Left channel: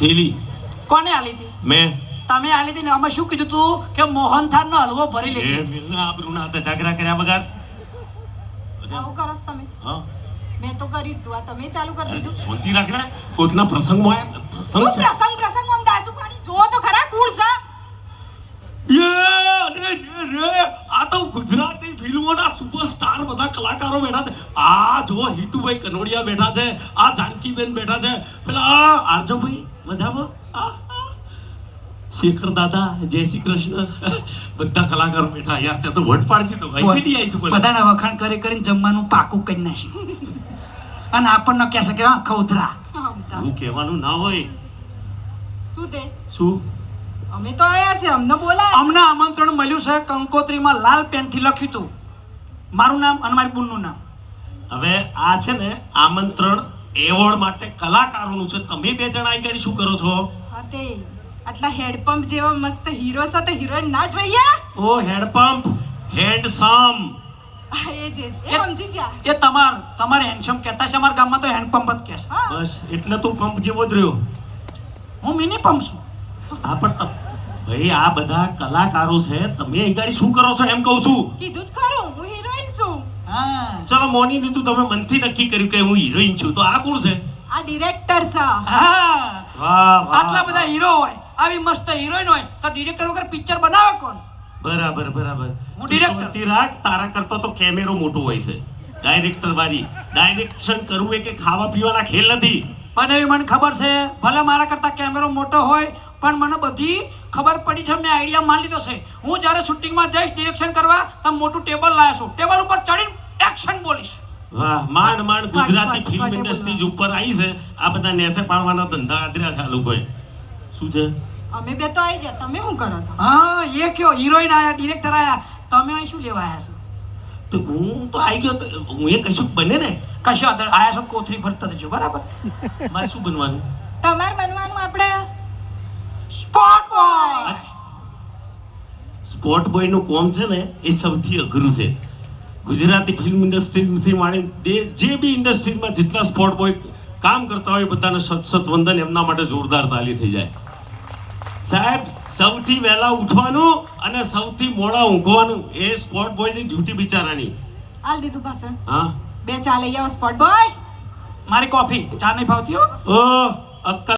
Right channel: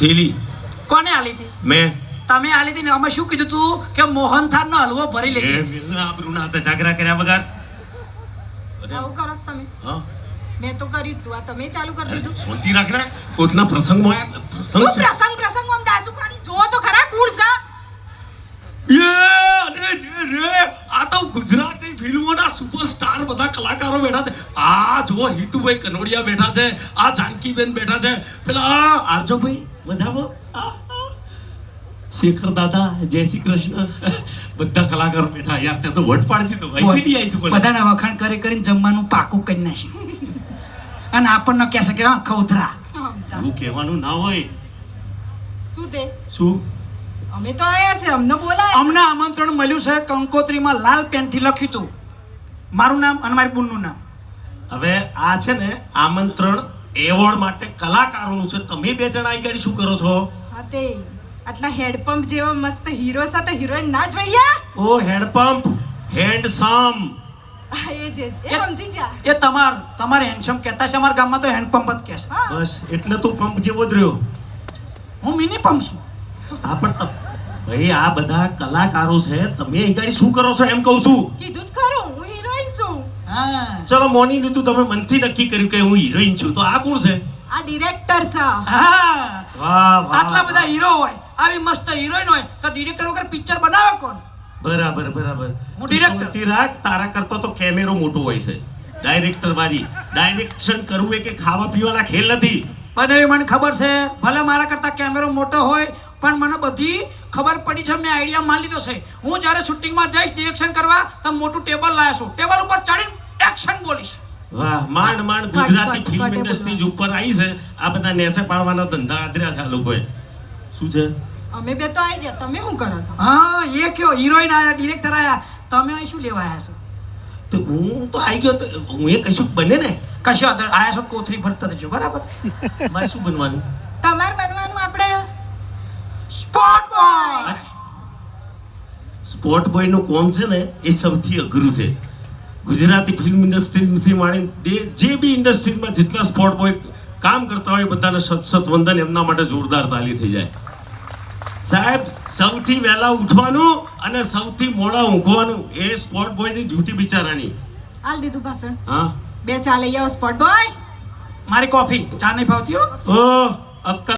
થેલી કોને આલી હતી? મેં તમે આલી હતી ને અમે શું કીધું તું કે મોહનથાળ નો હલવો ભરી લેજે. મિલના આબરૂ ના હતા જાગરા કર્યા વગર. આવું કરો છો તમે? હા મેં તો કર્યું તું, આ તમે ચાલુ કરી દીધું. શાંતિ રાખને. કોઈકના પ્રસંગમાં આયા શું પ્રસંગ છે. પ્રસંગ આમ ડાચું પાણી જો તો ખરા કુળ છે. આ તો ગુજરાતી ફિલ્મોના સુપરસ્ટાર બધા કલાકારો બેઠા છે. આ જો હિતુભાઈ કનોડિયા બેઠા છે, આ જાનકીબેન બેઠા છે, પેલા આરજોભાઈ મજામાં, શેખર દાદા, જય શ્રી કૃષ્ણ, બધા કલાકારો બેઠા. યાર તે તો વટ પાડી દીધો ભાઈ. કેદી આવી તું? બધાના વખાણ કરી કરીને જમવાનું પાકું કરી નાખ્યું. અને આપણને કહેશે કે હા ખૌધરા. એવું કહેવાનું ના હોય. શું તે? શું? અમે તો આયા છે, અમને બોલાય. અમને આમંત્રણ મળ્યું છે. કંકોત્રીમાં લાલ પેનથી લખ્યું હતું મારું નામ અને મારી બુનનું નામ. હવે આ છે ને આમંત્રણ એવોર્ડ માટે કલાકારોનું છે. તમે બે જણા અહીં કરી શું કરો છો? હા તે આટલા હેડપંપ જેવા મસ્ત હીરો છે તો હિરોઈન ના જોઈએ? ઓ હેન્ડપંપ, હેન્ડસમ. એ જે એ સમજી જા. એ તમારે હેન્ડસમ કહેતા છે. અમારા ગામમાં તો હેન્ડપંપ જ કહે છે. હા બસ એટલે તું પંપ જેવો જ રહ્યો. હું મિની પંપ છું. હા પણ ભાઈ આ બધા કલાકારો છે, તમે અહીં ગાડી શું કરો છો એમ કહું છું. કીધું જ ખરું, હું હિરોઈન છું. હા ચલો મોની લીધું, તમે મનથી નક્કી કર્યું કે હું હિરોઈન છું, તો આ કોણ છે? આ ડિરેક્ટર છે. હા વાહ વાહ. આટલા બધા હીરો હોય, આવી મસ્ત હિરોઈન હોય તો ડિરેક્ટર વગર પિક્ચર બનાવે કોણ? બરાબર બરાબર. હું તું director. શાંતિ રાખ. તારા કરતો તો કેમેરો મોટો હોય છે. ડાયરેક્ટર વાળી ડાયરેક્શન કરવું એ કે ખાવા પીવાના ખેલ નથી. પણ એવી મને ખબર છે, ભલે મારા કરતા કેમેરો મોટો હોય પણ મને બધી ખબર પડી છે. મેં આઈડિયા માન લીધો છે. હું જ્યારે શૂટિંગમાં જઈશ ડિરેક્શન કરવા તો મોટું ટેબલ લાવ્યો છું. ટેબલ ઉપર ચડીને એક્શન બોલીશ. વાહ માંડ માંડ ગુજરાતી ફિલ્મ ઇન્ડસ્ટ્રી ઉપર આવી છે. આ બધા નેસે પાડવાના ધંધા આદર્યા છે આ લોકોએ. શું છે? અમે બે તો આવી ગયા, તમે શું કરો છો? હા એ કયો હિરોઈન આયા, ડિરેક્ટર આયા, તમે અહીં શું લેવા આયા છો? તો હું તો આવી ગયો તો હું એ કશું બને ને. કશો અંદર આયા છો કોથરી ભરતા જજો. બરાબર. મારે શું બનવાનું? તમારે બનવાનું આપણે સ્પોટ બોય. સ્પોટ બોય નું કોમ છે ને એ સૌથી અઘરું છે. ગુજરાતી ફિલ્મ ઇન્ડસ્ટ્રીથી માંડી જે બી ઇન્ડસ્ટ્રીમાં જેટલા સ્પોટ બોય કામ કરતા હોય બધાને સત વંદન. એમના માટે જોરદાર તાલી થઈ જાય. સાહેબ સૌથી વહેલા ઉઠવાનું અને સૌથી મોડા ઊંઘવાનું એ સ્પોટ બોયની ડ્યુટી બિચારાની. હાલ દીધું ભાષણ. હા બે ચા લઈ આવો સ્પોટ બોય. મારી કોફી ચા નહીં ભાવતી હો. ઓ અક્કલ